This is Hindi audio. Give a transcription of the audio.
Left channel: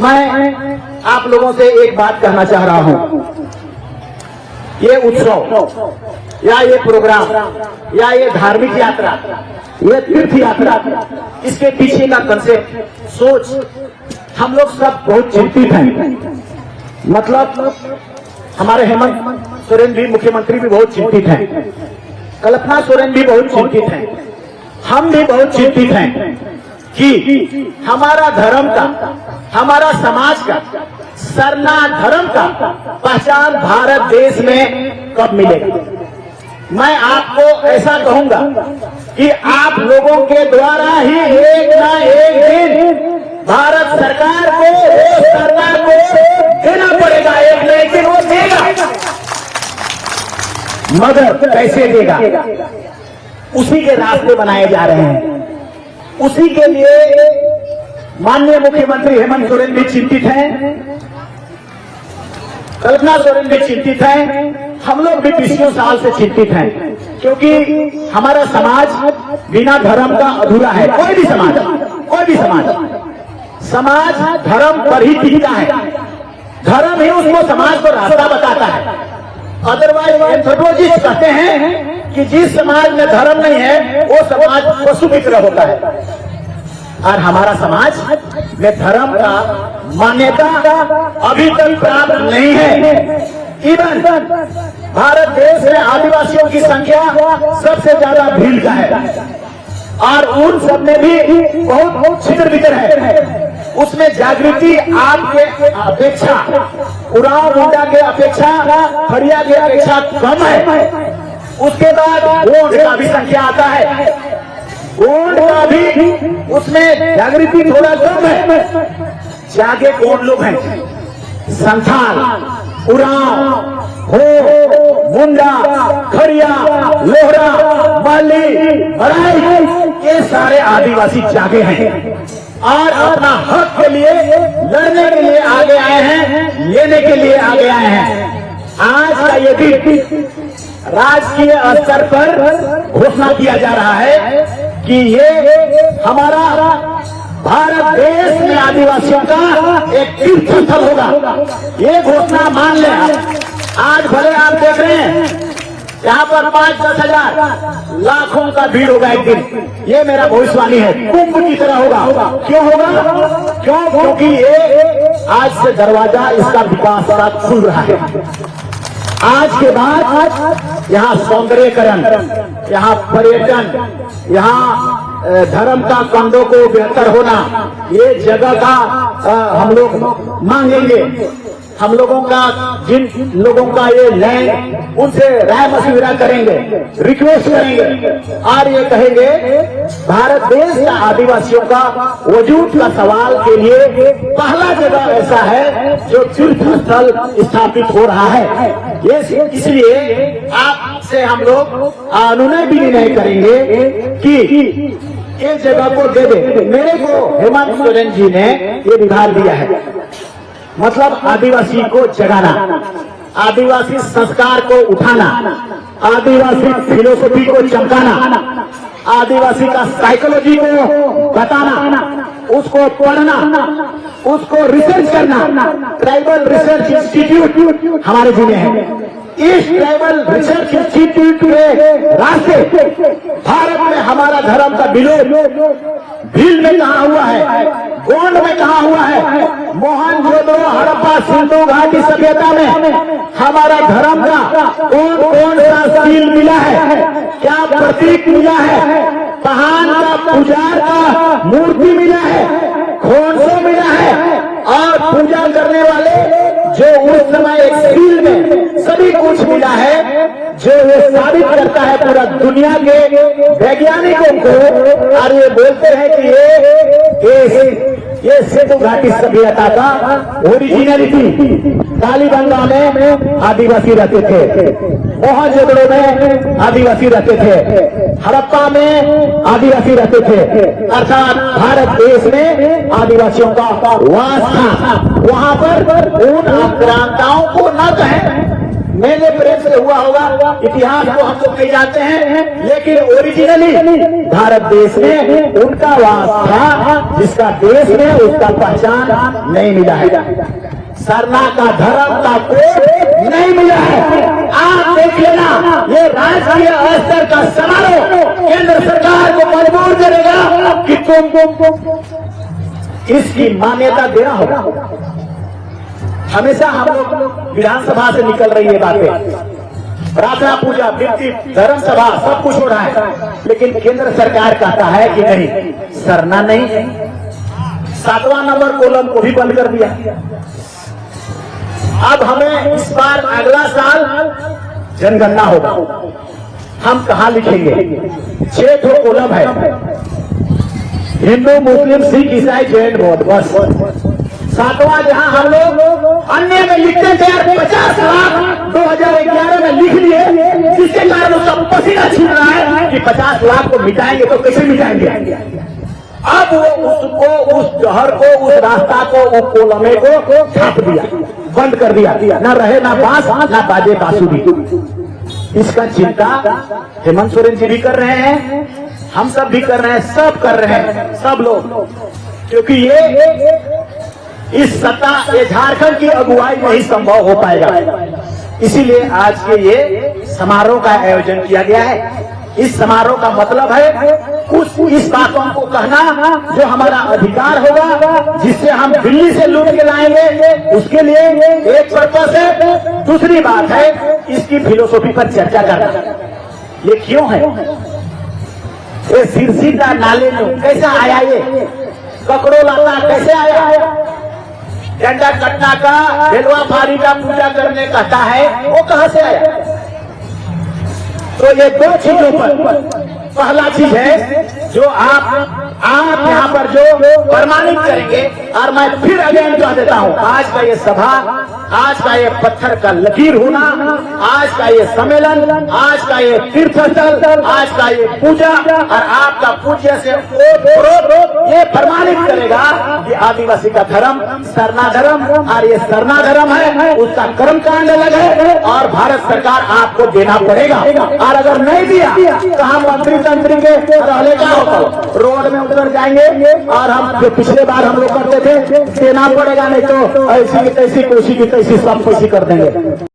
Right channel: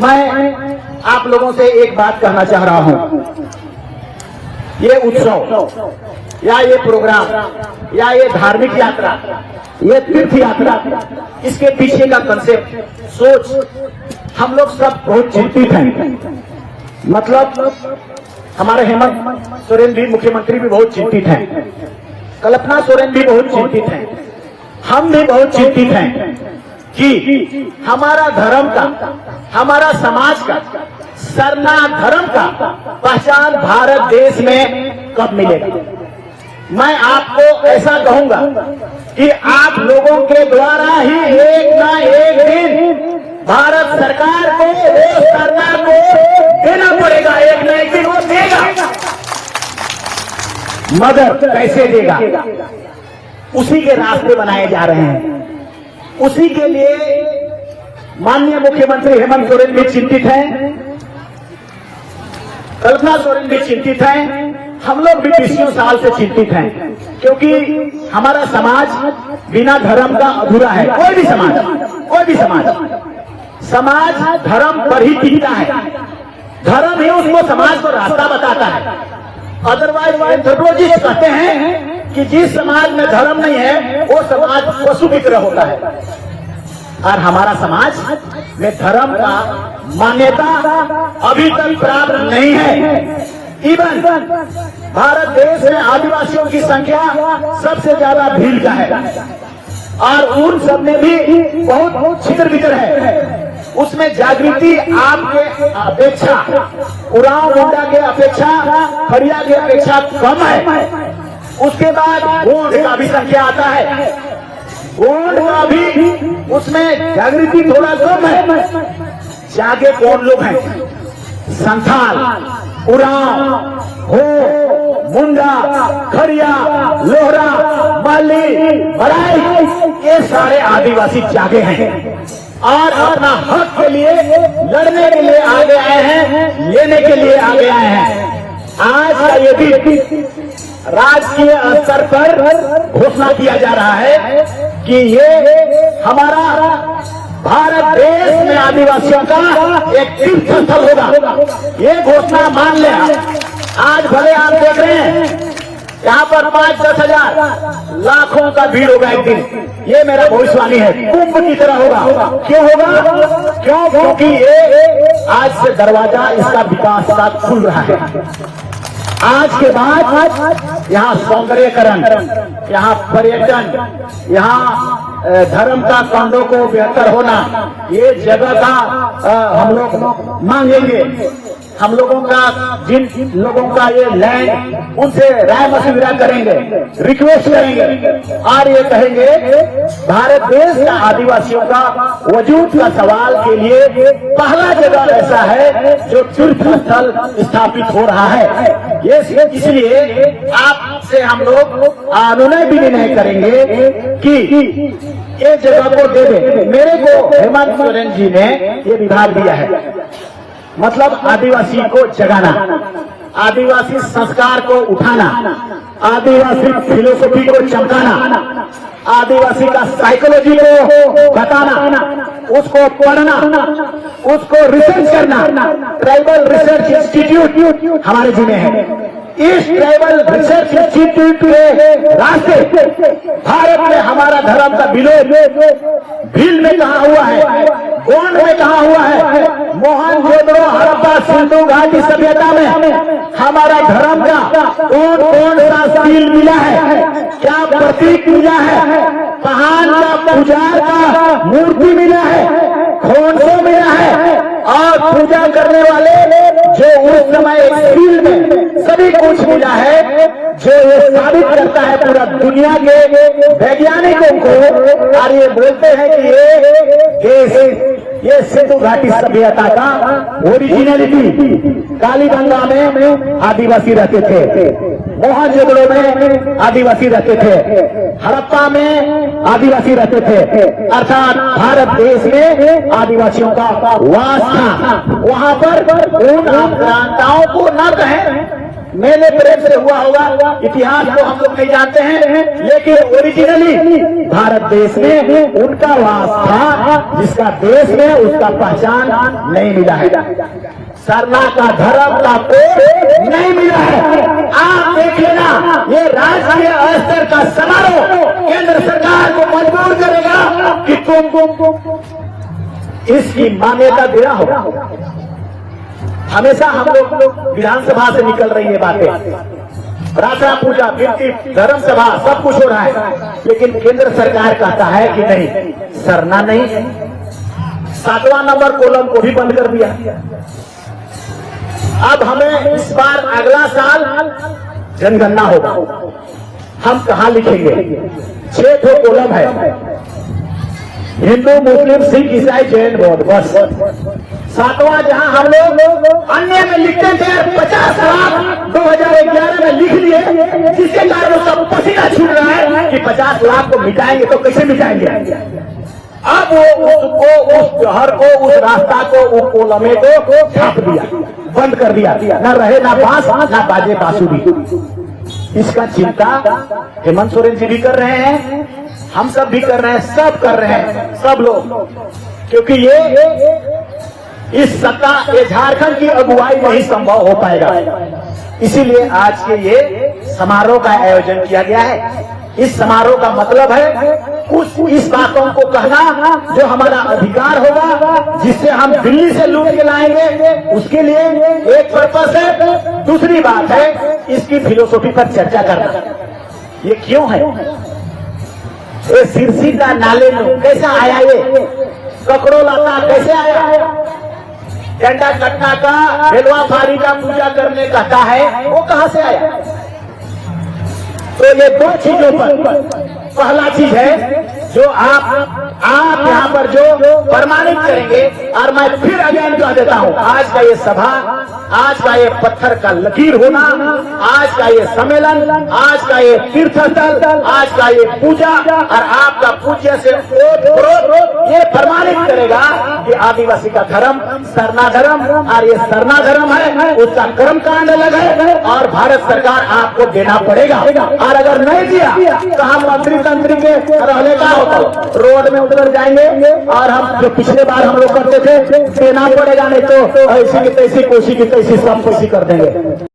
मैं आप लोगों से एक बात कहना चाह रहा हूं। ये उत्सव या ये प्रोग्राम या ये धार्मिक यात्रा, ये तीर्थ यात्रा, इसके पीछे का कंसेप्ट, सोच हम लोग सब बहुत चिंतित हैं। मतलब हमारे हेमंत सोरेन भी, मुख्यमंत्री भी बहुत चिंतित हैं, कल्पना सोरेन भी बहुत चिंतित हैं, हम भी बहुत चिंतित हैं कि हमारा धर्म का, हमारा समाज का, सरना धर्म का पहचान भारत देश में कब मिलेगा। मैं आपको ऐसा कहूंगा कि आप लोगों के द्वारा ही एक ना एक दिन भारत सरकार को, सरकार को देना पड़ेगा, एक ना एक दिन वो देगा। मगर कैसे देगा, उसी के रास्ते बनाए जा रहे हैं। उसी के लिए माननीय मुख्यमंत्री हेमंत सोरेन भी चिंतित हैं, कल्पना सोरेन भी चिंतित हैं, हम लोग भी पिछले साल से चिंतित हैं, क्योंकि हमारा समाज बिना धर्म का अधूरा है। कोई भी समाज धर्म पर ही टिकता है, धर्म ही उसको, समाज को रास्ता बताता है। अदरवाइज एंथ्रोपोलॉजिस्ट कहते हैं कि जिस समाज में धर्म नहीं है वो समाज पशु की तरह होता है, और हमारा समाज में धर्म का मान्यता अभी तक प्राप्त नहीं है। इवन भारत देश में आदिवासियों की संख्या सबसे ज्यादा भील का है, और उन सब में भी बहुत छितर बितर है। उसमें जागृति आपके अपेक्षा, उरांव मुंडा के अपेक्षा, खड़िया की अपेक्षा कम है। उसके बाद वोट का भी संख्या आता है, वोट का भी उसमें जागृति थोड़ा कम है। जागे कौन लोग हैं? संथाल, उरांव, हो, मुंडा, खड़िया, लोहरा, माली, बड़ाई, ये सारे आदिवासी जागे हैं और अपना हक के लिए लड़ने के लिए आगे आए हैं, लेने के लिए आगे आए हैं। आज का ये भी राजकीय स्तर पर घोषणा किया जा रहा है कि ये हमारा भारत देश में आदिवासियों का एक तीर्थ स्थल होगा। ये घोषणा मान ले। आज भले आप देख रहे हैं यहाँ पर 5-10 हजार लाखों का भीड़ होगा एक दिन, ये मेरा भविष्यवाणी है, कुंभ की तरह होगा। क्यों होगा? क्योंकि ये आज से दरवाजा इसका विकास का खुल रहा है। आज के बाद यहाँ सौंदर्यकरण, यहाँ पर्यटन, यहाँ धर्म का कंधों को बेहतर होना, ये जगह का हम लोग मांगेंगे। हम लोगों का, जिन लोगों का ये लैंड, उनसे राय मशविरा करेंगे, रिक्वेस्ट करेंगे और ये कहेंगे भारत देश का आदिवासियों का वजूद का सवाल के लिए पहला जगह ऐसा है जो तीर्थ स्थल स्थापित हो रहा है। ये इसलिए आपसे हम लोग अनुनय भी नहीं करेंगे कि ये जगह को दे दे। मेरे को हेमंत सोरेन जी ने ये विभाग दिया है, मतलब आदिवासी को जगाना, आदिवासी संस्कार को उठाना, आदिवासी फिलोसफी को चमकाना, आदिवासी का साइकोलॉजी को बताना, उसको पढ़ना, उसको रिसर्च करना। ट्राइबल रिसर्च इंस्टीट्यूट हमारे जिले है। इस ट्राइबल रिसर्च इंस्टीट्यूट के रास्ते भारत में हमारा धर्म का विलोप भील में कहा हुआ है, गोंड में कहा हुआ है, मोहनजोदड़ो, हड़प्पा, सिंधु घाटी सभ्यता में हमारा धर्म का कौन सा सील मिला है, क्या प्रतीक मिला है, पहाड़ का पुजार का मूर्ति मिला है, खोंसे मिला है, और पूजा करने वाले जो उस समय एक सील में सभी कुछ मिला है, जो ये साबित करता है पूरा दुनिया के वैज्ञानिकों को। और ये बोलते हैं कि ये सिंधु घाटी सभ्यता का ओरिजिनलिटी। कालीगंगा में आदिवासी रहते थे, मोहनजोदड़ो में आदिवासी रहते थे, हड़प्पा में आदिवासी रहते थे, अर्थात भारत देश में आदिवासियों का वास था। वहां पर उन आक्रांताओं को न कहें, मेले प्रेम से हुआ होगा, इतिहास को हम लोग कही जाते हैं, लेकिन ओरिजिनली भारत देश में उनका वास था, जिसका देश में उसका पहचान नहीं मिला है। सरना का धर्म का कोड नहीं मिला है। आप देख लेना, ये राष्ट्रीय स्तर का समारोह केंद्र सरकार को मजबूर करेगा कि तुम इसकी मान्यता देना होगा। हमेशा हम लोग विधानसभा से निकल रही है बातें, प्रार्थना पूजा व्यक्ति धर्म सभा सब कुछ हो रहा है, लेकिन केंद्र सरकार कहता है कि नहीं, सरना नहीं, 7वां नंबर कॉलम को भी बंद कर दिया। अब हमें इस बार अगला साल जनगणना होगा, हम कहां लिखेंगे? 6 कॉलम है, हिंदू मुस्लिम सिख ईसाई जैन बौद्ध, बस 7वां जहां हम लोग अन्य में लिखते थे 50 लाख 2011 में लिख दिए, जिसके कारण उसका पसीना छूट रहा है कि 50 लाख को मिटाएंगे तो कैसे मिटाएंगे? अब वो उसको, उस जहर को, उस रास्ता को, वो कोलमे को छाप दिया, बंद कर दिया, ना रहे ना बांस ना बाजे बांसुरी। इसका चिंता हेमंत सोरेन जी भी कर रहे हैं, हम सब भी कर रहे हैं, सब कर रहे हैं, सब लोग, क्योंकि ये इस सत्ता, ये झारखंड की अगुवाई नहीं संभव हो पाएगा। इसीलिए आज के ये समारोह का आयोजन किया गया है। इस समारोह का मतलब है इस बातों को कहना जो हमारा अधिकार होगा, जिससे हम दिल्ली से लूट के लाएंगे, उसके लिए एक पर्पस है। दूसरी बात है इसकी फिलोसॉफी पर चर्चा करना। ये क्यों है? ये सिरसी का नाले में कैसा आया? ये ककड़ो लाता कैसे आया? झंडा कटना का, बेलवा फारी का पूजा करने कहता है, वो कहां से आया? तो ये 2 चीजों पर, पहला चीज है जो आप यहाँ पर जो प्रमाणित करेंगे, और मैं फिर अगेन कह देता हूँ, आज का ये सभा, आज का ये पत्थर का लकीर होना, आज का ये सम्मेलन, आज का ये तीर्थ स्थल, आज का ये पूजा और आपका पूज्य से ये प्रमाणित करेगा कि आदिवासी का धर्म सरना धर्म, और ये सरना धर्म है, उसका कर्म करने लगे और भारत सरकार आपको देना पड़ेगा। और अगर नहीं दिया तो हम मंत्री तंत्री के रहने का होता, रोड में उतर जाएंगे, और हम जो पिछले बार हम लोग करते थे, देना पड़ेगा, नहीं तो ऐसी की तैसी, कोसी की तैसी सब कोसी कर देंगे।